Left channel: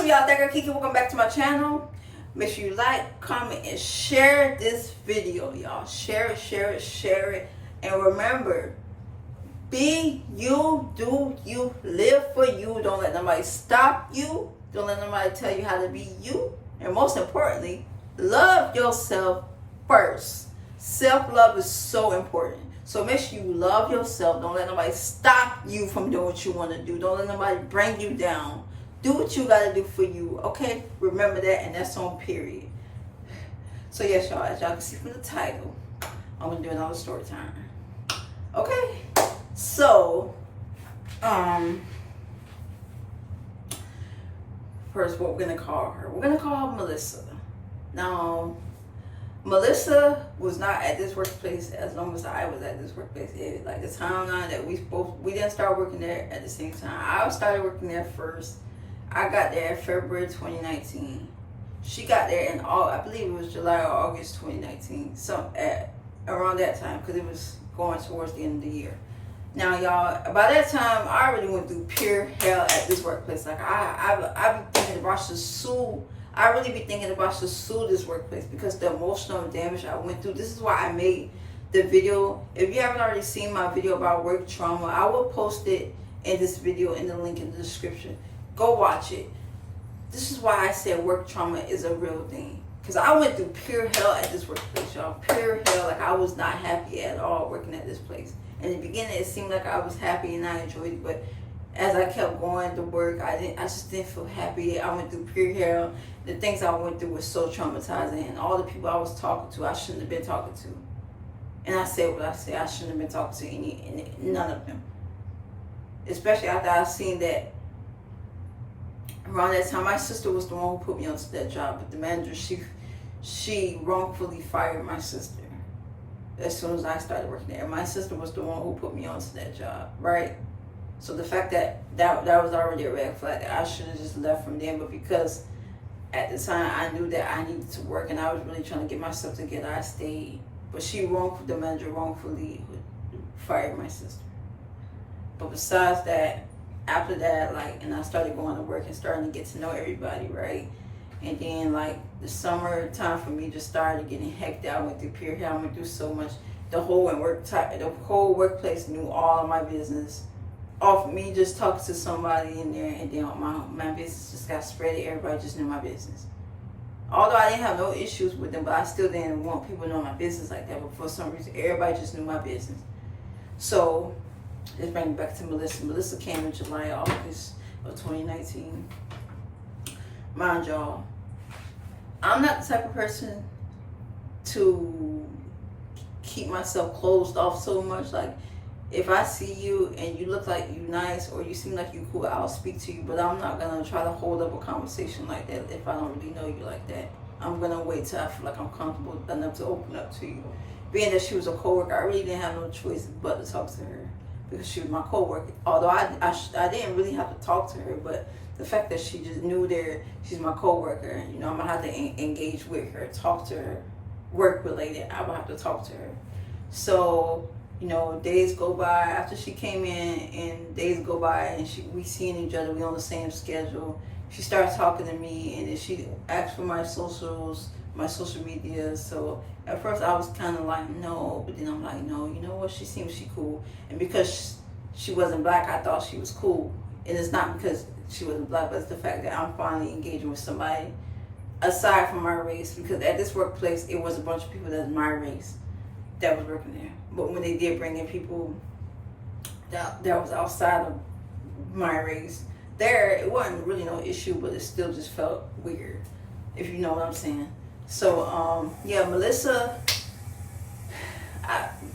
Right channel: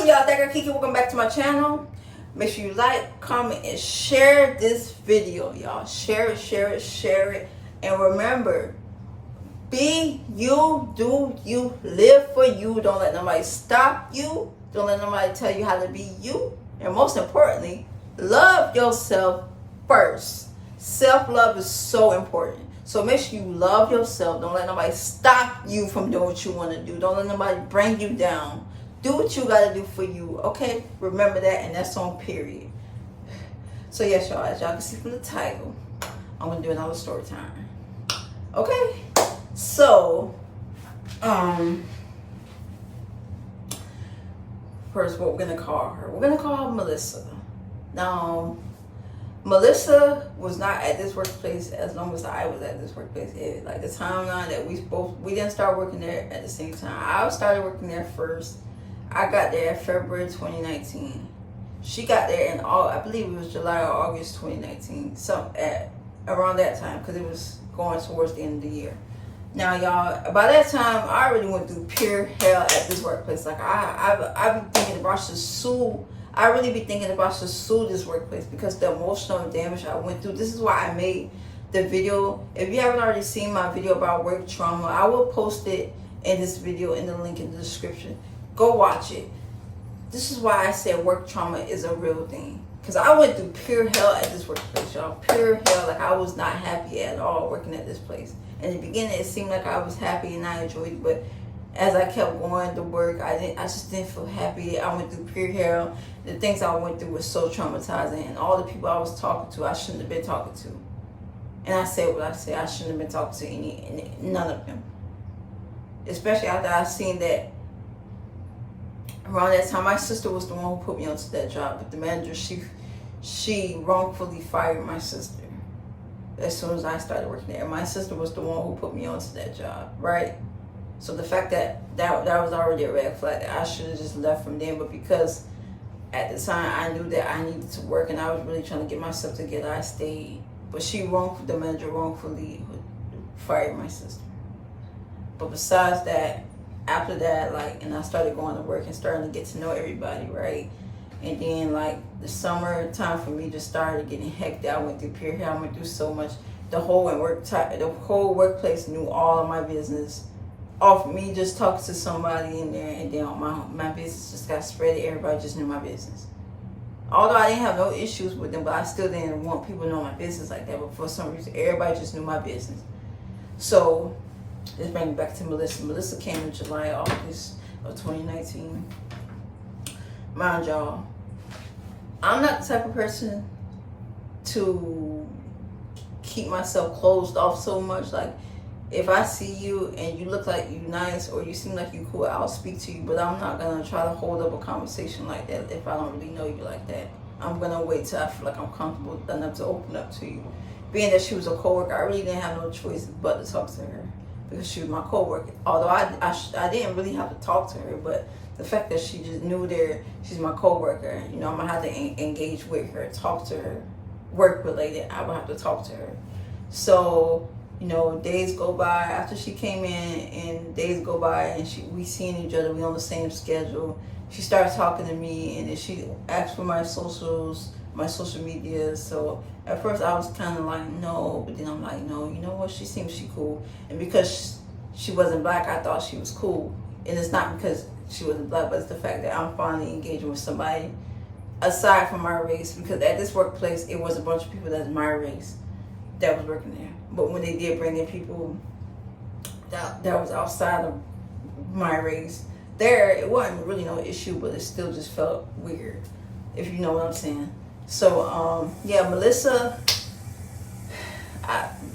What's up, y'all? Thank you, Kiki. Welcome back to my channel. Make sure you like, comment, and share this video, y'all. Share it, share it, share it. And remember, be you, do you, live for you. Don't let nobody stop you. Don't let nobody tell you how to be you. And most importantly, love yourself first. Self-love is so important. So make sure you love yourself. Don't let nobody stop you from doing what you want to do. Don't let nobody bring you down. Do what you got to do for you, okay? Remember that, and that's on period. So yes, y'all, as y'all can see from the title, I'm going to do another story time. Okay? So, first, what we're going to call her. We're going to call her Melissa. Now, Melissa was not at this workplace as long as I was at this workplace. Like the timeline that we didn't start working there at the same time. I started working there first. I got there in February 2019. She got there in I believe it was July or August 2019. Around that time, because it was going towards the end of the year. Now, y'all, by that time, I already went through pure hell at this workplace. Like I be thinking about to sue. I really be thinking about to sue this workplace because the emotional damage I went through. This is why I made the video. If you haven't already seen my video about work trauma, I will post it in this video in the link in the description. Go watch it. This is why I said work trauma is a real thing. Because I went through pure hell at this workplace, y'all. Pure hell. Like, I was not happy at all working at this place. In the beginning, it seemed like I was happy and I enjoyed it. But as I kept going to work, I just didn't feel happy. I went through pure hell. The things I went through was so traumatizing. And all the people I was talking to, I shouldn't have been talking to. And I said what I said. I shouldn't have been talking to none of them. Especially after I seen that. Around that time, my sister was the one who put me onto that job. But the manager, she wrongfully fired my sister as soon as I started working there. My sister was the one who put me onto that job, right? So the fact that was already a red flag. I should have just left from there. But because at the time I knew that I needed to work and I was really trying to get myself together, I stayed. But the manager wrongfully fired my sister. But besides that, after that, and I started going to work and starting to get to know everybody, right? And then, the summer time for me just started getting hectic. I went through pure hell. I went through so much. The whole workplace knew all of my business. Off me just talking to somebody in there, and then my business just got spread. Everybody just knew my business. Although I didn't have no issues with them, but I still didn't want people to know my business like that. But for some reason, everybody just knew my business. So let's bring it back to Melissa. Melissa came in July, August of 2019. Mind y'all, I'm not the type of person to keep myself closed off so much. Like, if I see you and you look like you nice or you seem like you cool, I'll speak to you. But I'm not going to try to hold up a conversation like that if I don't really know you like that. I'm going to wait till I feel like I'm comfortable enough to open up to you. Being that she was a coworker, I really didn't have no choice but to talk to her. Because she was my coworker. Although I didn't really have to talk to her, but the fact that she just knew she's my coworker, I'm gonna have to engage with her, talk to her, work related. I would have to talk to her. So, days go by after she came in, and days go by, and we seeing each other. We on the same schedule. She starts talking to me, and then she asked for my socials, my social media. So at first I was kind of like, no, but then I'm like, no, you know what? She seems cool. And because she wasn't black, I thought she was cool. And it's not because she wasn't black, but it's the fact that I'm finally engaging with somebody aside from my race. Because at this workplace, it was a bunch of people that's my race that was working there. But when they did bring in people that was outside of my race, it wasn't really no issue, but it still just felt weird, if you know what I'm saying. So, Melissa,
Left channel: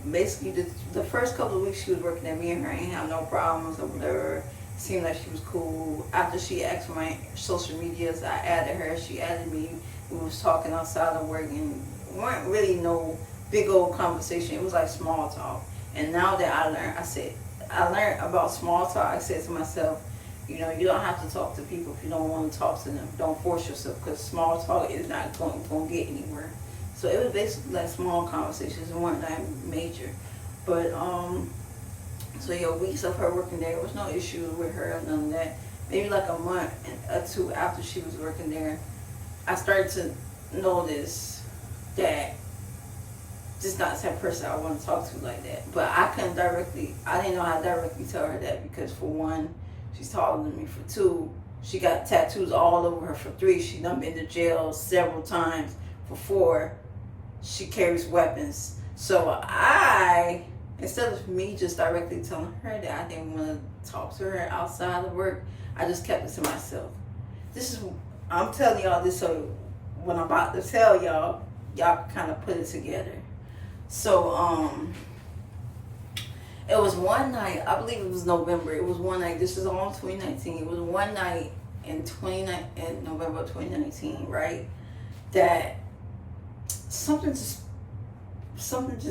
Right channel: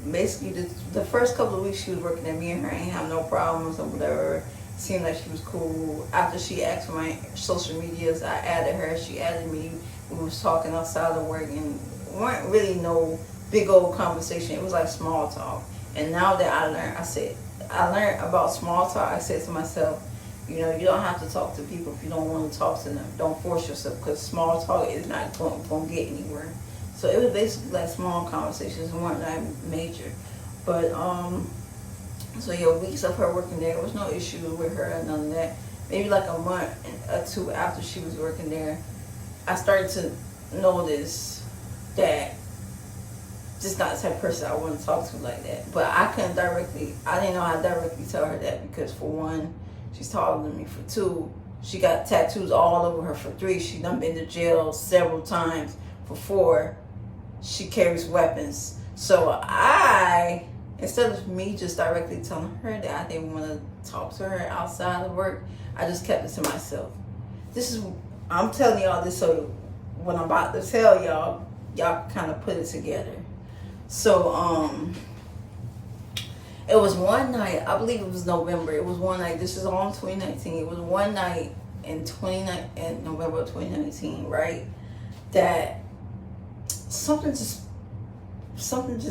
basically the first couple of weeks she was working at me and her ain't have no problems or whatever. Seemed like she was cool. After she asked for my social medias, I added her. She added me. We was talking outside of work and weren't really no big old conversation. It was like small talk. And now that I learned about small talk, I said to myself, you don't have to talk to people if you don't want to talk to them. Don't force yourself, because small talk is not going to get anywhere. So it was basically like small conversations and weren't that major. But, weeks of her working there, there was no issue with her, none of that. maybe like a month or two after she was working there, I started to notice that this is not the type of person I want to talk to like that. But I didn't know how to directly tell her that because for one, she's taller than me. For two, she got tattoos all over her. For three, she done been to jail several times. For four, she carries weapons. So instead of me just directly telling her that I didn't want to talk to her outside of work, I just kept it to myself. I'm telling y'all this so when I'm about to tell y'all kind of put it together. So, it was one night, I believe it was November. It was one night, this is all in 2019. It was one night in November of 2019, right? That something just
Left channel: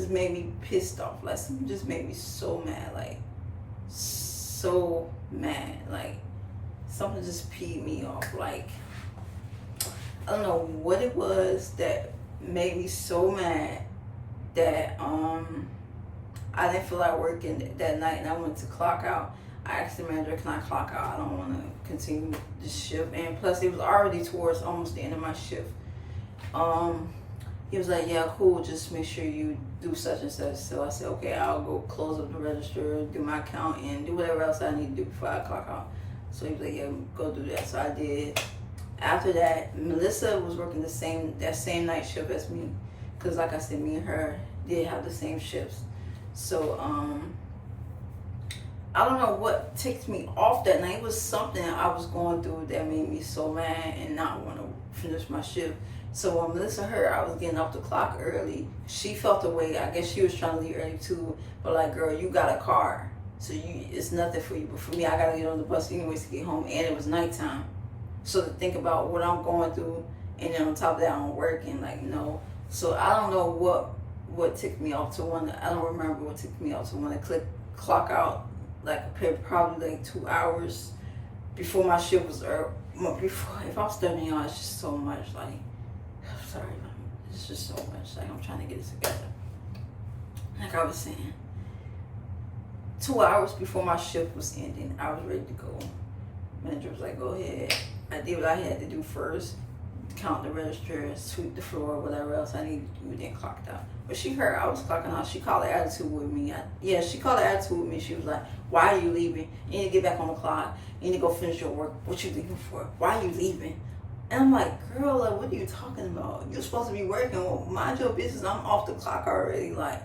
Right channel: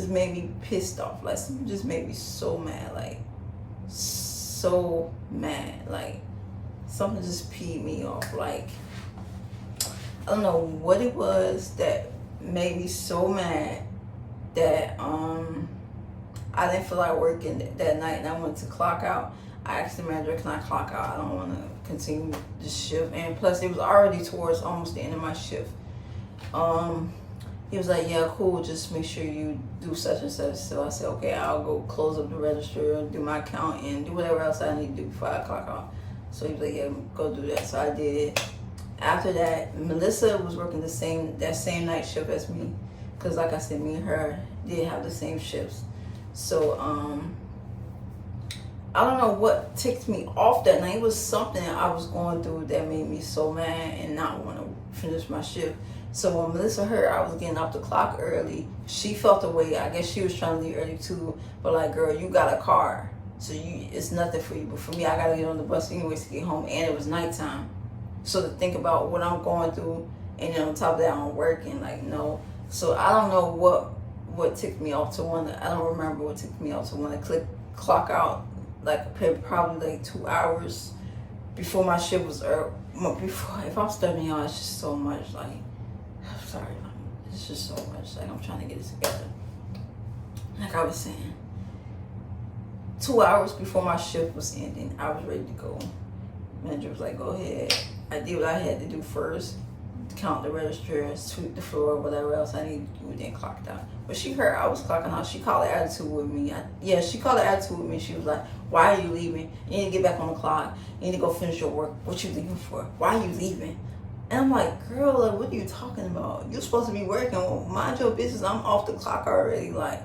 made me pissed off. Like, something just made me so mad. Like, so mad. Like, something just peed me off. Like, I don't know what it was that made me so mad that I didn't feel like working that night, and I went to clock out. I asked the manager, can I clock out? I don't want to continue this shift. And plus, it was already towards almost the end of my shift. He was like, yeah, cool, just make sure you do such and such. So I said, okay, I'll go close up the register, do my account, and do whatever else I need to do before I clock out. So he was like, yeah, go do that. So I did. After that, Melissa was working that same night shift as me. Because like I said, me and her did have the same shifts. So, I don't know what ticked me off that night. It was something I was going through that made me so mad and not want to finish my shift. So when Melissa heard I was getting off the clock early, she felt the way. I guess she was trying to leave early too. But like, girl, you got a car, so it's nothing for you. But for me, I got to get on the bus anyways to get home, and it was nighttime. So to think about what I'm going through, and then on top of that, I'm working, like, no. So I don't know what ticked me off to want to, I don't remember what ticked me off to want to clock out, like, probably like 2 hours before my shift was, if I'm studying y'all, it's just so much, like, I'm sorry, it's just so much, like, I'm trying to get it together. Like I was saying, 2 hours before my shift was ending, I was ready to go. Manager was like, go ahead. I did what I had to do first, count the register, sweep the floor, whatever else I needed to do, then clocked out. But she heard I was clocking out. She called an attitude with me. She called an attitude with me. She was like, why are you leaving? You need to get back on the clock. You need to go finish your work. What you leaving for? Why are you leaving? And I'm like, girl, like, what are you talking about? You're supposed to be working. Well, mind your business. I'm off the clock already. Like,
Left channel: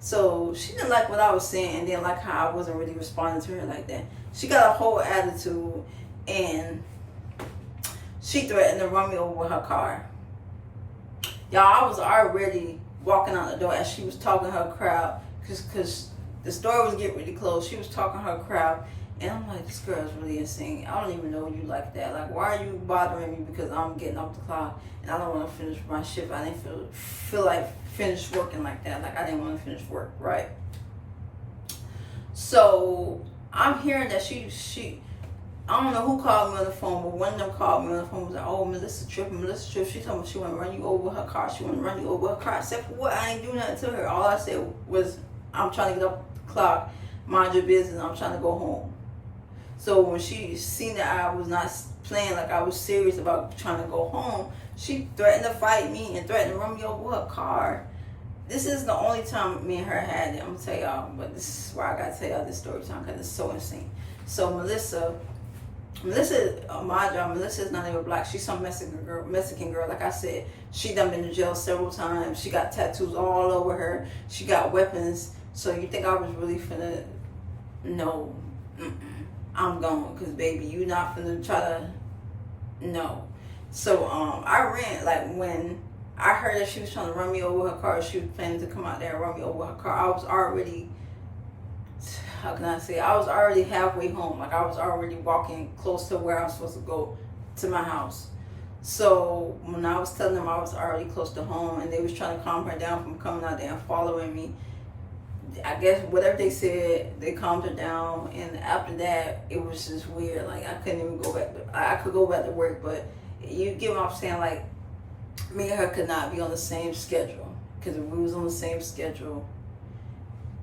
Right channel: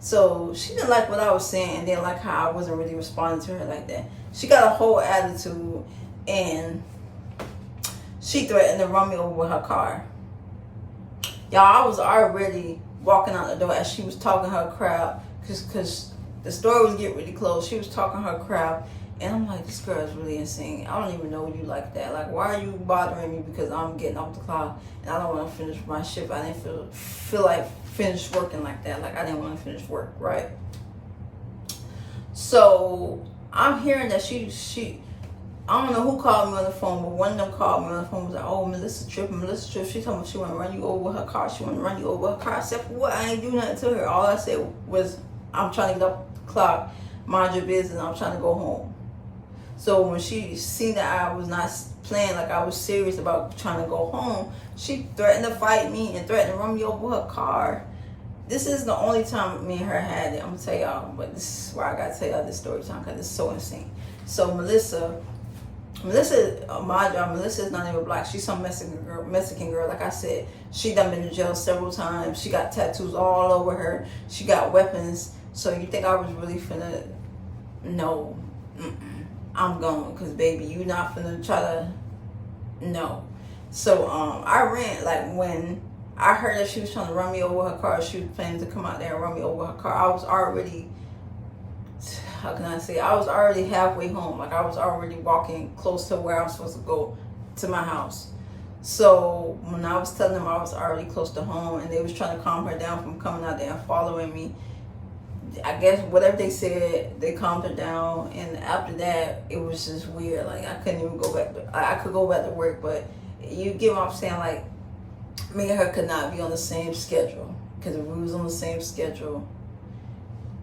so she didn't like what I was saying, and didn't like how I wasn't really responding to her like that. She got a whole attitude, and she threatened to run me over with her car. Y'all, I was already walking out the door as she was talking to her crowd, because the store was getting really close. She was talking to her crowd, and I'm like, this girl is really insane. I don't even know you like that. Like, why are you bothering me because I'm getting off the clock and I don't want to finish my shift? I didn't feel like finish working like that. Like, I didn't want to finish work, right? So I'm hearing that she I don't know who called me on the phone, but one of them called me on the phone, was like, oh, Melissa tripping. She told me she want to run you over with her car. She want to run you over with her car. Except for what? I ain't do nothing to her. All I said was, I'm trying to get off the clock. Mind your business. I'm trying to go home. So when she seen that I was not playing, like I was serious about trying to go home, she threatened to fight me and threatened to run me over with her car. This is the only time me and her had it. I'm going to tell y'all, but this is why I got to tell y'all this story time, because it's so insane. So Melissa, my job, Melissa is not even black. She's some Mexican girl. Like I said, she done been to jail several times. She got tattoos all over her. She got weapons. So you think I was really finna? No, I'm going, because baby, you not finna try to. No. So I ran, like, when I heard that she was trying to run me over with her car. She was planning to come out there and run me over with her car. I was already, how can I say, I was already halfway home. Like, I was already walking close to where I was supposed to go to my house. So when I was telling them I was already close to home, and they was trying to calm her down from coming out there and following me, I guess whatever they said, they calmed her down. And after that, it was just weird. Like, I couldn't even go back. I could go back to work, but you get what I'm saying? Like, me and her could not be on the same schedule, because if we was on the same schedule,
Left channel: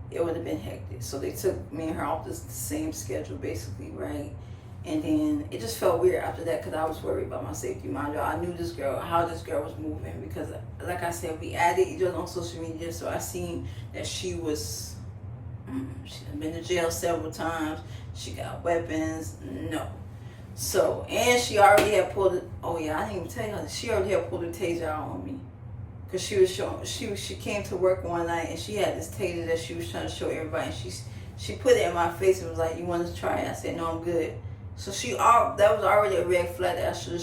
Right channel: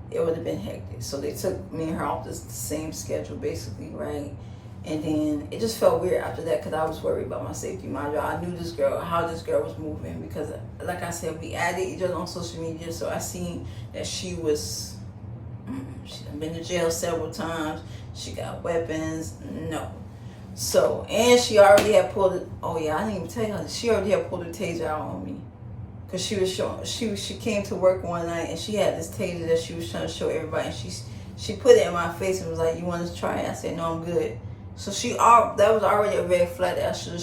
it would have been hectic. So they took me and her off the same schedule, basically, right? And then it just felt weird after that because I was worried about my safety. Mind you, I knew this girl, how this girl was moving, because like I said, we added each other on social media. So I seen that she was, she done been to jail several times. She got weapons. No. So, and she already had pulled it. Oh yeah, I didn't even tell you. She already had pulled a taser out on me. Cause she was showing, she came to work one night and she had this taser that she was trying to show everybody. And she put it in my face and was like, "You want to try it?" I said, "No, I'm good." So that was already a red flag that I should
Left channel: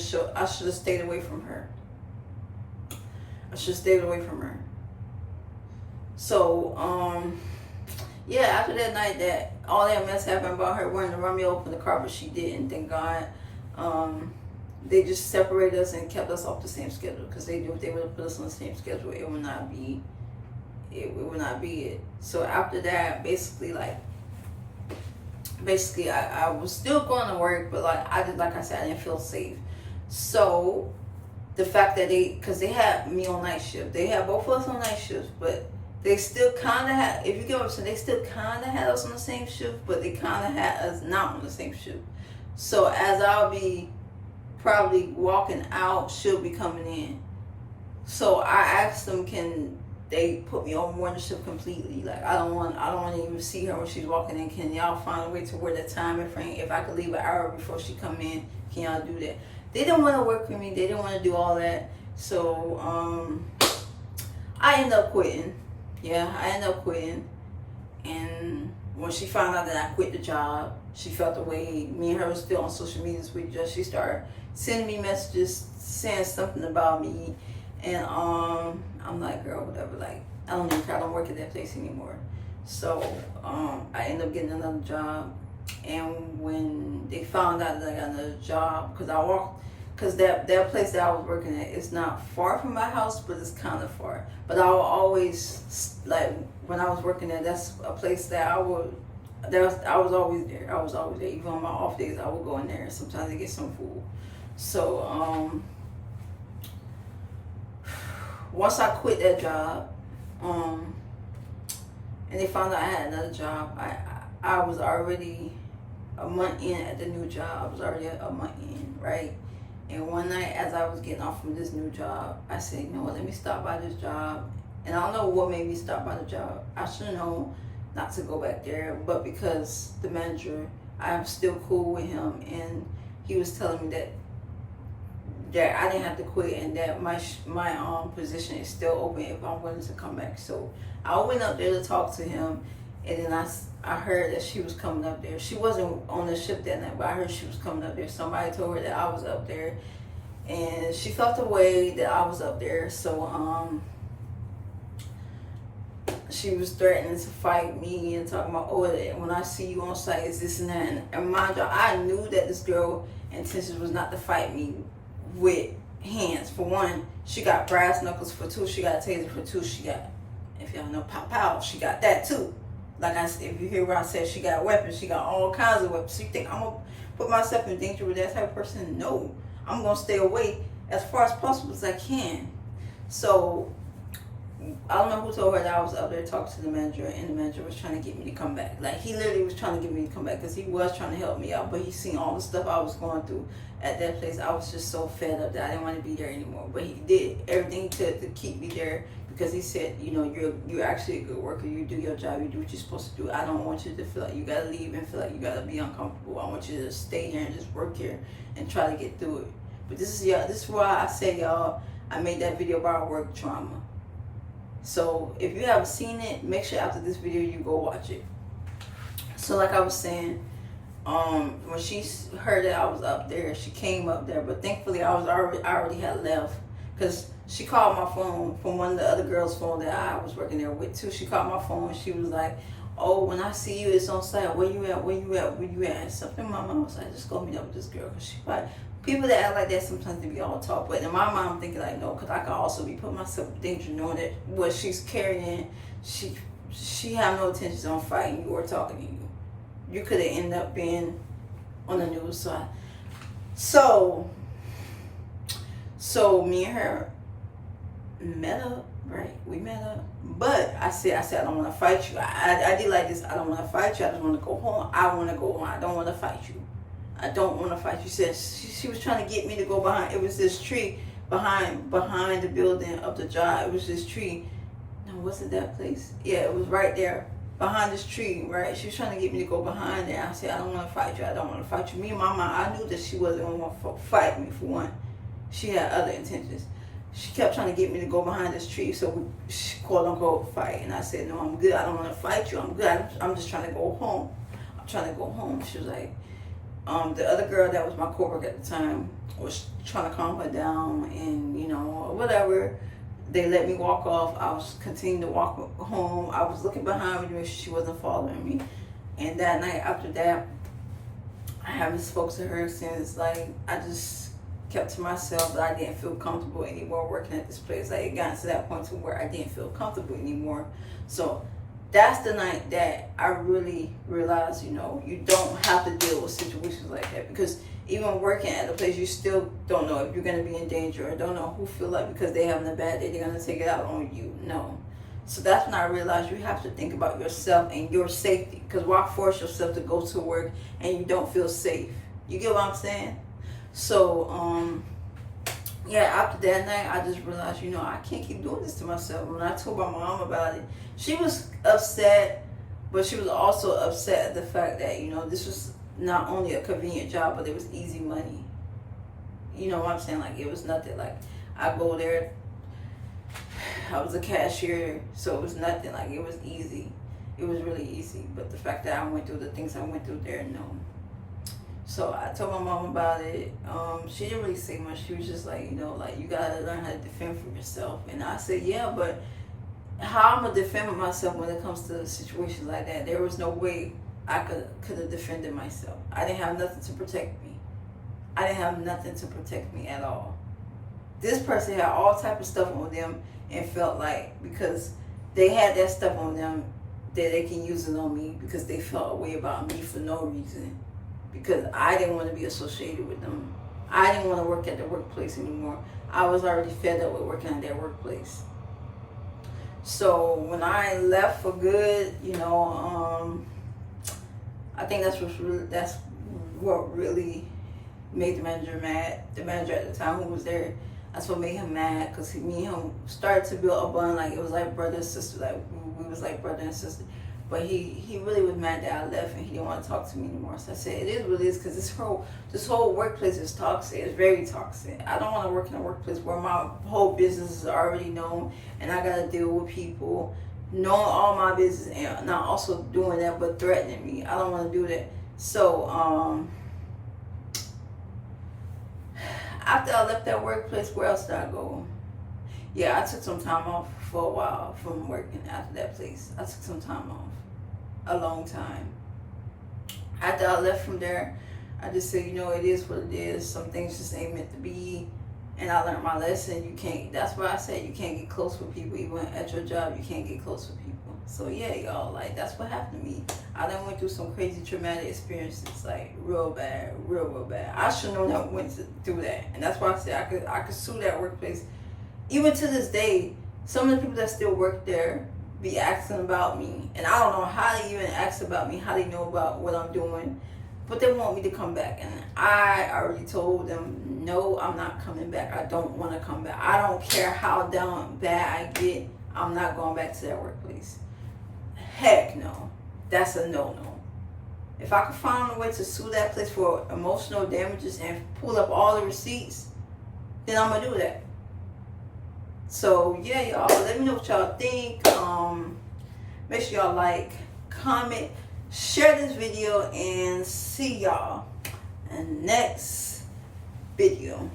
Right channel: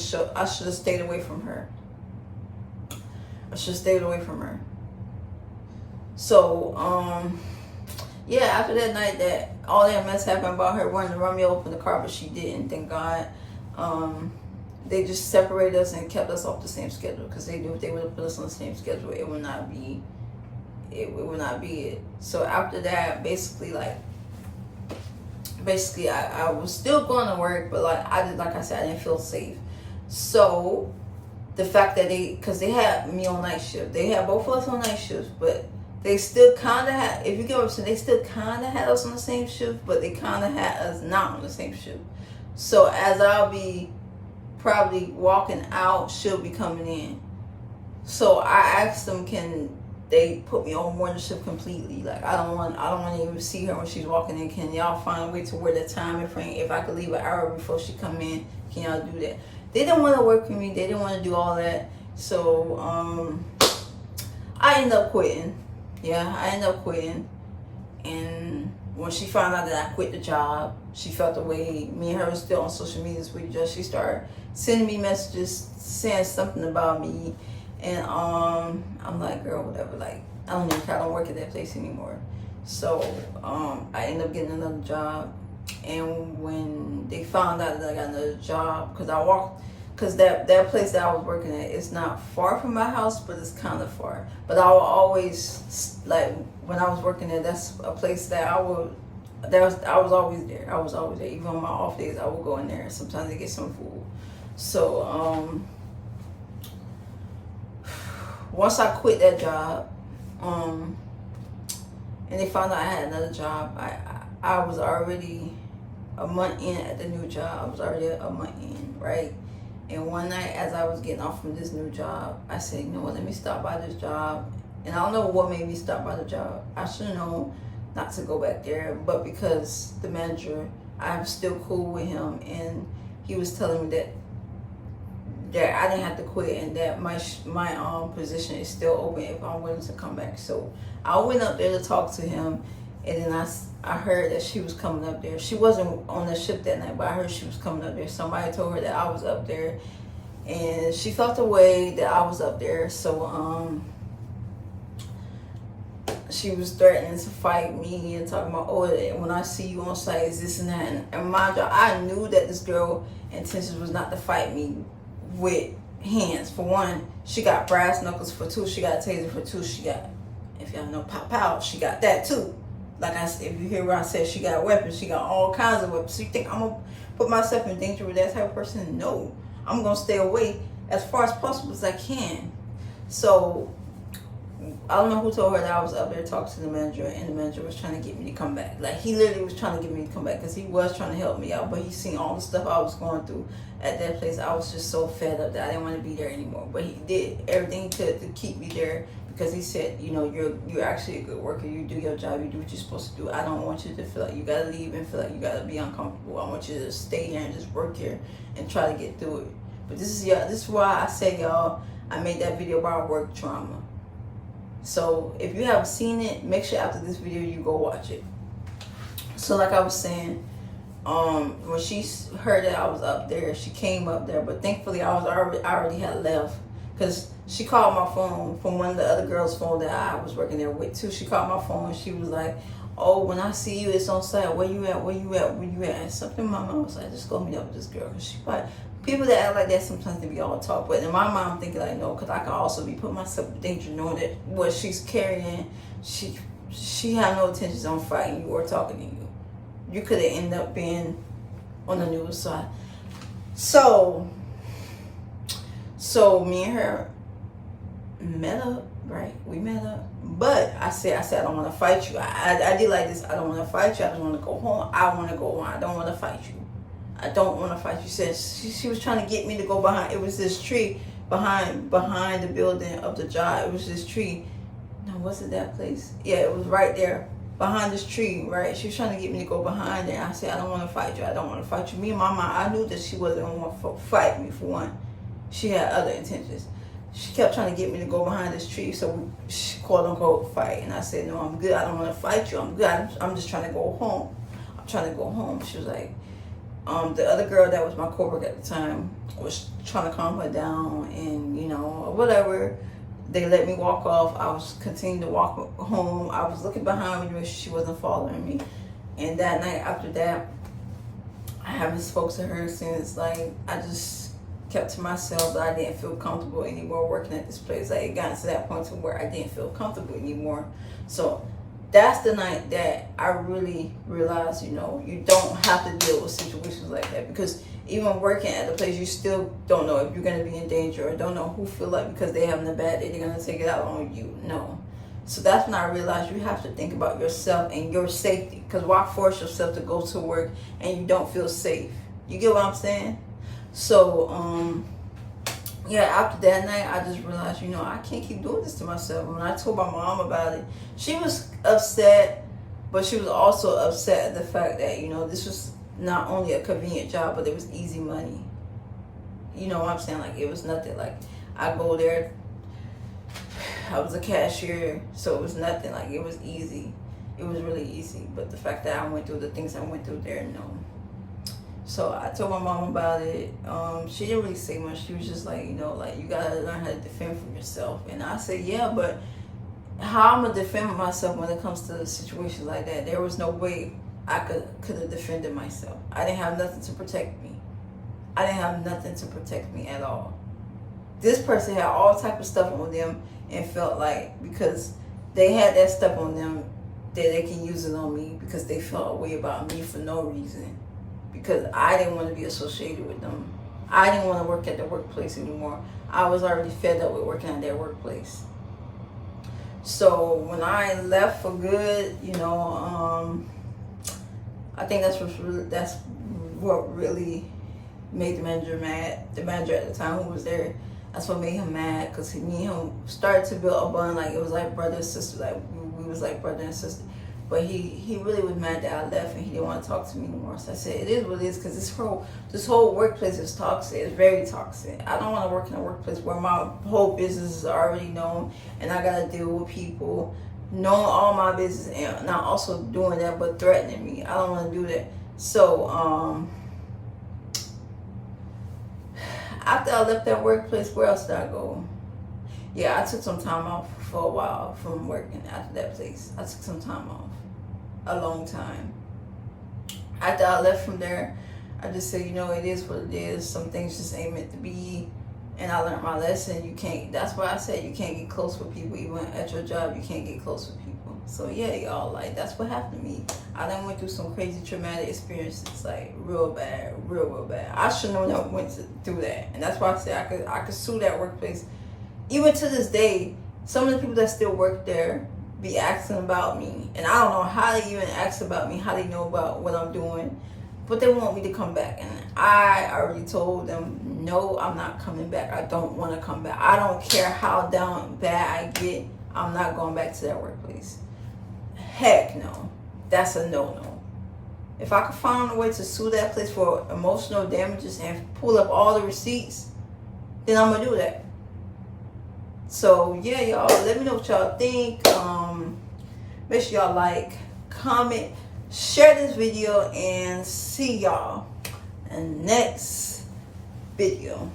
have stayed away from her. I should have stayed away from her. So yeah, after that night, that all that mess happened about her wanting to run me over in the car, but she didn't. Thank God. They just separated us and kept us off the same schedule because they knew if they would have put us on the same schedule, it would not be it. So after that, basically, I was still going to work, but like I said, I didn't feel safe. So the fact that because they had me on night shift, they had both of us on night shifts, but they still kind of had, if you get what I'm saying, they still kind of had us on the same shift, but they kind of had us not on the same shift. So as I'll be probably walking out, she'll be coming in. So I asked them, can they put me on morning shift completely? Like I don't want to even see her when she's walking in. Can y'all find a way to where the time frame, if I could leave an hour before she come in, can y'all do that? They didn't want to work with me. They didn't want to do all that. So I ended up quitting. Yeah, I ended up quitting. And when she found out that I quit the job, she felt the way. Me and her was still on social media this week. She started sending me messages saying something about me. And I'm like, girl, whatever. Like, I don't don't work at that place anymore. So I ended up getting another job. And when they found out that I got another job, because that place that I was working at is not far from my house, but it's kind of far. But I will always, like, when I was working there, that's a place that I was always there. I was always there. Even on my off days, I would go in there and sometimes I get some food. So once I quit that job, and they found out I had another job, I was already a month in at the new job. I was already a month in, right? And one night, as I was getting off from this new job, I said, you know what, let me stop by this job. And I don't know what made me stop by the job. I should have known not to go back there, but because the manager, I'm still cool with him, and he was telling me that I didn't have to quit, and that my position is still open if I'm willing to come back. So I went up there to talk to him, and then I heard that she was coming up there. She wasn't on the shift that night, but I heard she was coming up there. Somebody told her that I was up there, and she felt the way that I was up there. So she was threatening to fight me and talking about, oh, when I see you on site, is this and that. And mind you, I knew that this girl intentions was not to fight me with hands. For one, she got brass knuckles. For two, she got a taser. For two, she got, if y'all know pop out, she got that too. Like I said, if you hear where I said she got weapons, she got all kinds of weapons. So you think I'm gonna put myself in danger with that type of person? No, I'm gonna stay away as far as possible as I can. So I don't know who told her that I was up there talking to the manager, and the manager was trying to get me to come back. Like, he literally was trying to get me to come back because he was trying to help me out, but he seen all the stuff I was going through at that place. I was just so fed up that I didn't want to be there anymore. But he did everything he could to keep me there because he said, you know, you're actually a good worker. You do your job. You do what you're supposed to do. I don't want you to feel like you got to leave and feel like you got to be uncomfortable. I want you to stay here and just work here and try to get through it. But this is why I say, y'all, I made that video about work trauma. So if you haven't seen it, make sure after this video you go watch it. So like I was saying, when she heard that I was up there, she came up there, but thankfully I already had left, because she called my phone from one of the other girls' phone that I was working there with too. She called my phone and she was like, oh, when I see you, it's on site. Where you at? Where you at? Where you at? And something my mom was like, just go meet up with this girl. Cause she probably, people that act like that sometimes they be all talk. But in my mom thinking like, no, because I could also be putting myself in danger knowing that what she's carrying, she had no intentions on fighting you or talking to you. You could have ended up being on the news side. So me and her met up, right? We met up. But I said I don't want to fight you. I did like this. I don't want to fight you. I don't want to go home. I want to go home. I don't want to fight you. I don't want to fight you. She was trying to get me to go behind. It was this tree behind the building of the job. It was this tree. No, was it that place? Yeah, it was right there behind this tree, right? She was trying to get me to go behind it. I said, I don't want to fight you. I don't want to fight you. Me and my mom, I knew that she wasn't going to fight me, for one. She had other intentions. She kept trying to get me to go behind this tree, so we quote unquote fight. And I said, no, I'm good. I don't want to fight you. I'm good. I'm just trying to go home. I'm trying to go home. She was like, the other girl that was my coworker at the time was trying to calm her down, and whatever. They let me walk off. I was continuing to walk home. I was looking behind me to make sure she wasn't following me. And that night after that, I haven't spoke to her since. Like, I just kept to myself, but I didn't feel comfortable anymore working at this place. Like, it got to that point to where I didn't feel comfortable anymore. So that's the night that I really realized, you don't have to deal with situations like that, because even working at a place, you still don't know if you're going to be in danger, or don't know who feel like because they're having a bad day, they're going to take it out on you. No. So that's when I realized you have to think about yourself and your safety, because why force yourself to go to work and you don't feel safe? You get what I'm saying? So, yeah, after that night, I just realized, I can't keep doing this to myself. When I told my mom about it, she was upset, but she was also upset at the fact that, this was not only a convenient job, but it was easy money. You know what I'm saying? Like, it was nothing. Like, I go there, I was a cashier, so it was nothing. Like, it was easy. It was really easy. But the fact that I went through the things I went through there, no. So I told my mom about it. She didn't really say much. She was just like, you gotta learn how to defend for yourself. And I said, yeah, but how I'm gonna defend myself when it comes to situations like that? There was no way I could have defended myself. I didn't have nothing to protect me. I didn't have nothing to protect me at all. This person had all type of stuff on them and felt like because they had that stuff on them that they can use it on me because they felt a way about me for no reason. Because I didn't want to be associated with them. I didn't want to work at the workplace anymore. I was already fed up with working at their workplace. So when I left for good, I think that's what really made the manager mad. The manager at the time who was there, that's what made him mad, because me and him started to build a bond. Like, it was like brother and sister. Like, we was like brother and sister. But he really was mad that I left and he didn't want to talk to me anymore. So I said, it is what it is, because this whole workplace is toxic. It's very toxic. I don't want to work in a workplace where my whole business is already known and I got to deal with people knowing all my business and not also doing that but threatening me. I don't want to do that. So after I left that workplace, where else did I go? Yeah, I took some time off for a while from working after that place. I took some time off. A long time. After I left from there, I just said, it is what it is. Some things just ain't meant to be. And I learned my lesson. That's why I said you can't get close with people. Even at your job, you can't get close with people. So yeah, y'all, like, that's what happened to me. I then went through some crazy traumatic experiences, like real bad, real bad. I should have never went through that. And that's why I said I could sue that workplace. Even to this day, some of the people that still work there be asking about me, and I don't know how they even ask about me, how they know about what I'm doing, but they want me to come back. And I already told them, no, I'm not coming back. I don't want to come back. I don't care how down bad I get, I'm not going back to that workplace. Heck no. That's a no-no. If I could find a way to sue that place for emotional damages and pull up all the receipts, then I'm gonna do that. So yeah, y'all, let me know what y'all think. Make sure y'all like, comment, share this video, and see y'all in the next video.